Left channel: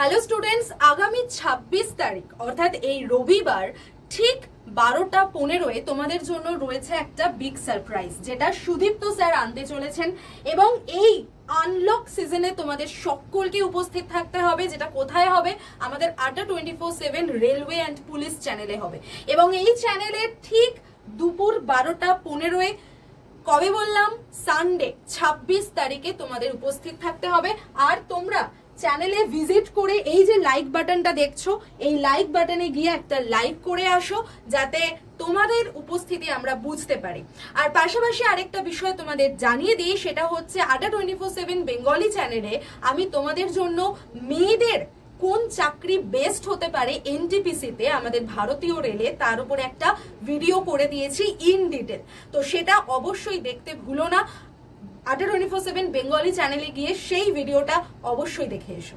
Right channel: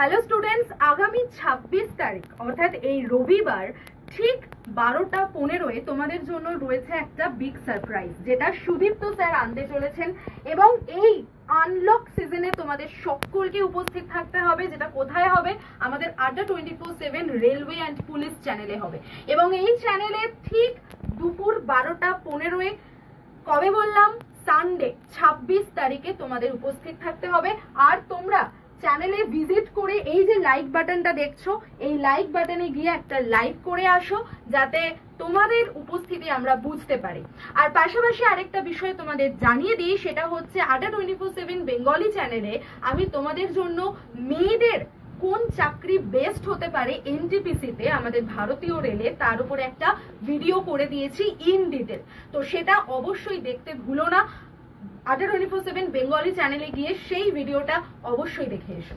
Hello students, আগামী ২৬ তারিখ অর্থাৎ এই রবিবার ঠিক ১২টা ১৫-এ তোমাদের জন্য রয়েছে একটা বিগ সারপ্রাইজ, যেটা সুদীপ্ত স্যার আনতে চলেছেন। এবং এই আনলক সিজনে তোমাদের সকলকে উপস্থিত থাকতে হবে। যেটা কোথায় হবে? আমাদের আড্ডা 24/7 রেলওয়ে অ্যান্ড পুলিশ চ্যানেলে হবে। এবং এই চ্যানেলে ঠিক দুপুর ১২টা ১৫-এ, কবে বললাম? সানডে ২৬ তারিখে তোমাদের উপস্থিত থাকতে হবে। আর তোমরা চ্যানেলে ভিজিট করে এই যে লাইক বাটনটা দেখছো, এই লাইক বাটনে গিয়ে একটা লাইক করে আসো, যাতে তোমাদের উপস্থিতি আমরা বুঝতে পারি। আর পাশাপাশি আরেকটা বিষয় তোমাদের জানিয়ে দিই, সেটা হচ্ছে আড্ডা 24/7 বেঙ্গলি চ্যানেলে আমি তোমাদের জন্য মেয়েদের কোন চাকরি বেস্ট হতে পারে এনটিপিসিতে, আমাদের ভারতীয় রেলে, তার উপর একটা ভিডিও করে দিয়েছি ইন ডিটেল। তো সেটা অবশ্যই দেখতে ভুলো না। আড্ডা 24/7 বেঙ্গলি চ্যানেলে গিয়ে সেই ভিডিওটা অবশ্যই দেখে এসো।